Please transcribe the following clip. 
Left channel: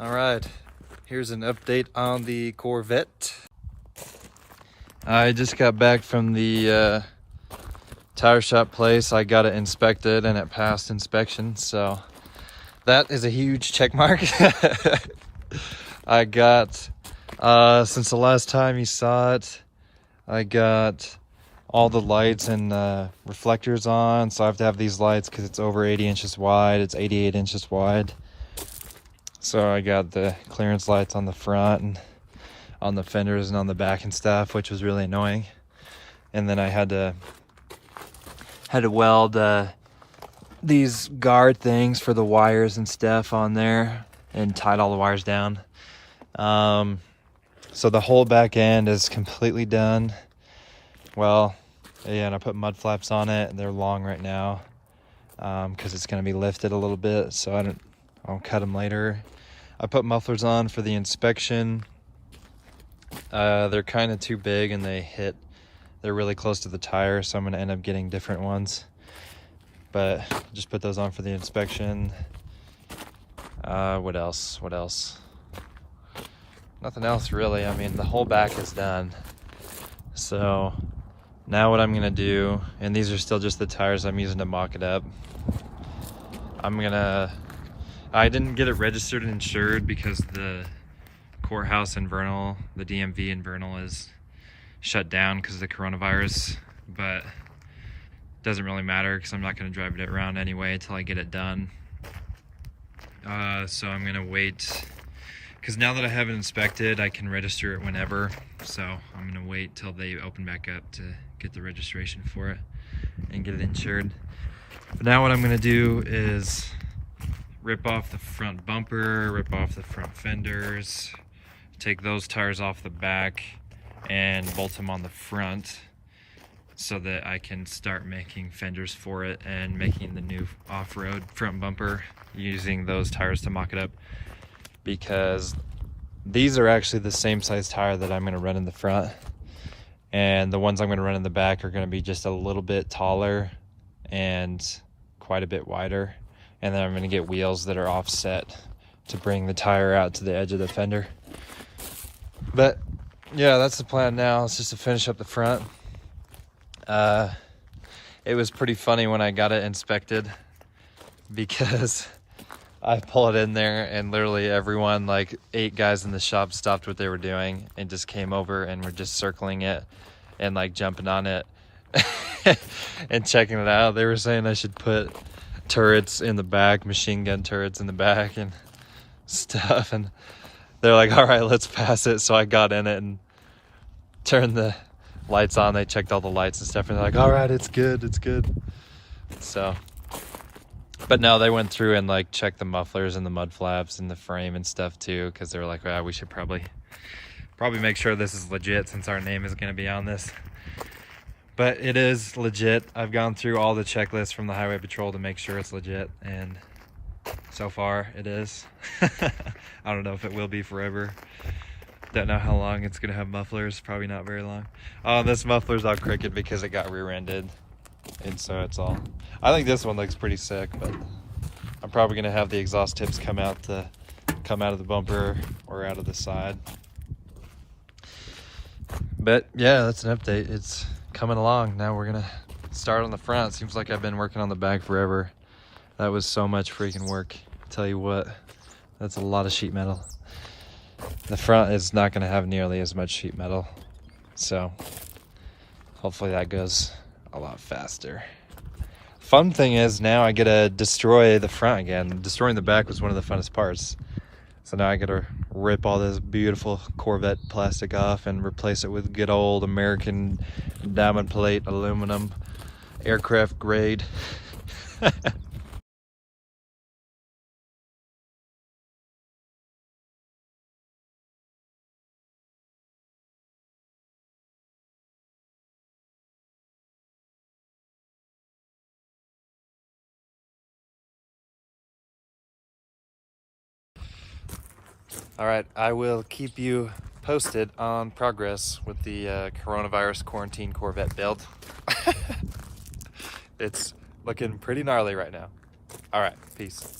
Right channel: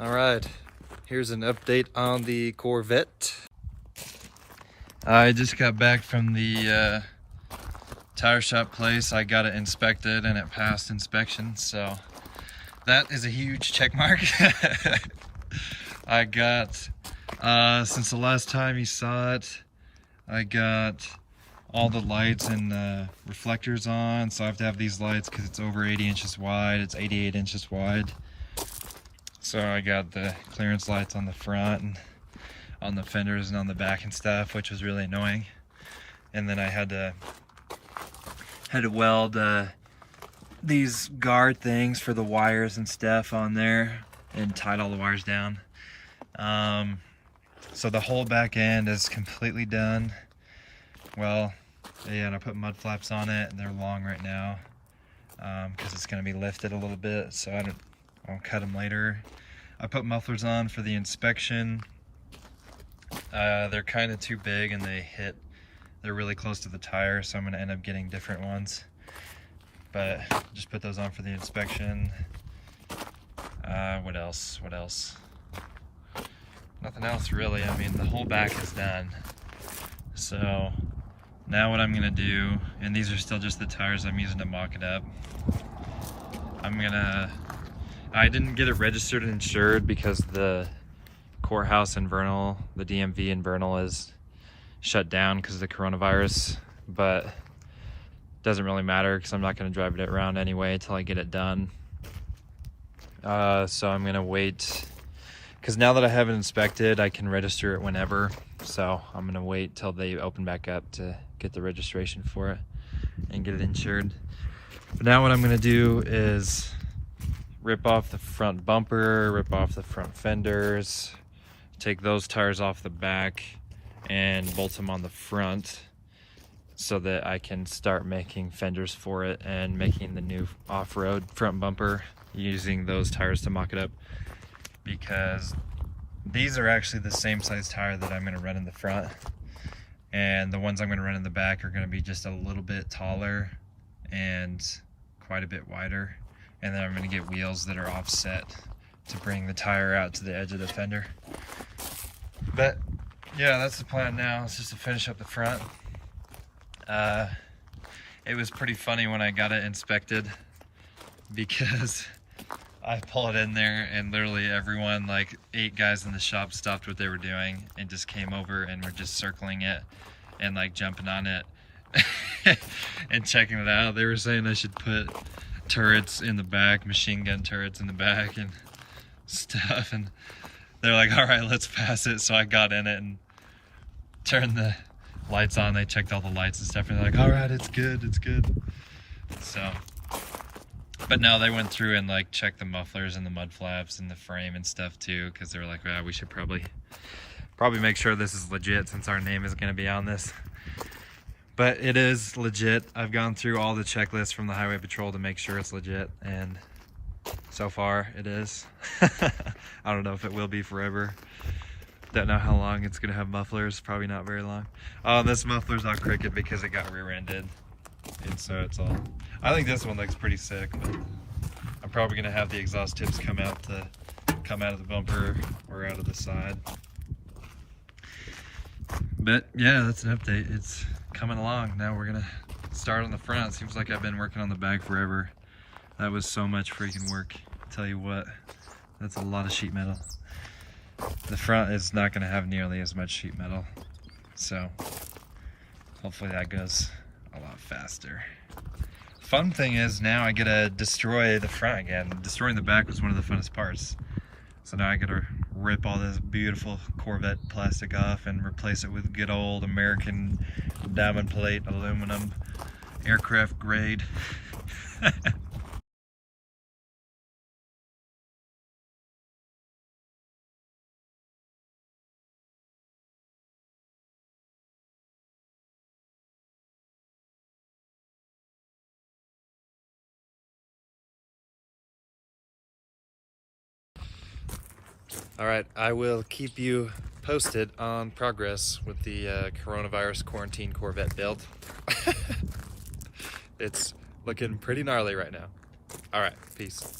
All right, here's an update on the Corvette. I just got back from the tire shop place. I got it inspected and it passed inspection, so that is a huge check mark. I got, since the last time you saw it, I got all the lights and reflectors on, so I have to have these lights because it's over 80 inches wide. It's 88 inches wide. So I got the clearance lights on the front and on the fenders and on the back and stuff, which was really annoying. And then I had to weld these guard things for the wires and stuff on there and tied all the wires down. So the whole back end is completely done. Well, yeah, and I put mud flaps on it. They're long right now because it's going to be lifted a little bit, so I'll cut them later. I put mufflers on for the inspection. They're kind of too big and they're really close to the tire, so I'm going to end up getting different ones. But just put those on for the inspection. What else? Nothing else really. I mean, the whole back is done. So now what I'm going to do, and these are still just the tires I'm using to mock it up. I didn't get it registered and insured because the courthouse in Vernal, the DMV in Vernal, is shut down because of the coronavirus, but it doesn't really matter because I'm not going to drive it around anyway until I get it done. So I'm going to wait, because now that I have it inspected, I can register it whenever. So I'm going to wait till they open back up to get the registration for it and get it insured. But now what I'm going to do is rip off the front bumper, rip off the front fenders, take those tires off the back and bolt them on the front so that I can start making fenders for it and making the new off-road front bumper using those tires to mock it up, because these are actually the same size tire that I'm going to run in the front, and the ones I'm going to run in the back are going to be just a little bit taller and quite a bit wider. And then I'm going to get wheels that are offset to bring the tire out to the edge of the fender. But yeah, that's the plan now. It's just to finish up the front. It was pretty funny when I got it inspected, because I pulled it in there and literally everyone, like 8 guys in the shop, stopped what they were doing and just came over and were just circling it and like jumping on it and checking it out. They were saying I should put turrets in the back, machine gun turrets in the back and stuff, and they're like, all right, let's pass it. So I got in it and turned the lights on. They checked all the lights and stuff and they're like, all right, it's good. So, but no, they went through and like checked the mufflers and the mud flaps and the frame and stuff too, because they're like, well, we should probably make sure this is legit since our name is going to be on this. But it is legit. I've gone through all the checklists from the Highway Patrol to make sure it's legit, and so far it is. I don't know if it will be forever. Don't know how long it's gonna have mufflers. Probably not very long. This muffler's all crooked because it got rear-ended, and so it's all. I think this one looks pretty sick, but I'm probably gonna have the exhaust tips come out of the bumper or out of the side. But yeah, that's an update. It's coming along. Now we're gonna start on the front. Seems like I've been working on the back forever. That was so much freaking work. Tell you what, that's a lot of sheet metal. The front is not gonna have nearly as much sheet metal, so hopefully that goes a lot faster. Fun thing is now I get to destroy the front again. Destroying the back was one of the funnest parts. So now I gotta rip all this beautiful Corvette plastic off and replace it with good old American diamond plate aluminum, aircraft grade. All right, I will keep you posted on progress with the coronavirus quarantine Corvette build. It's looking pretty gnarly right now. All right, peace.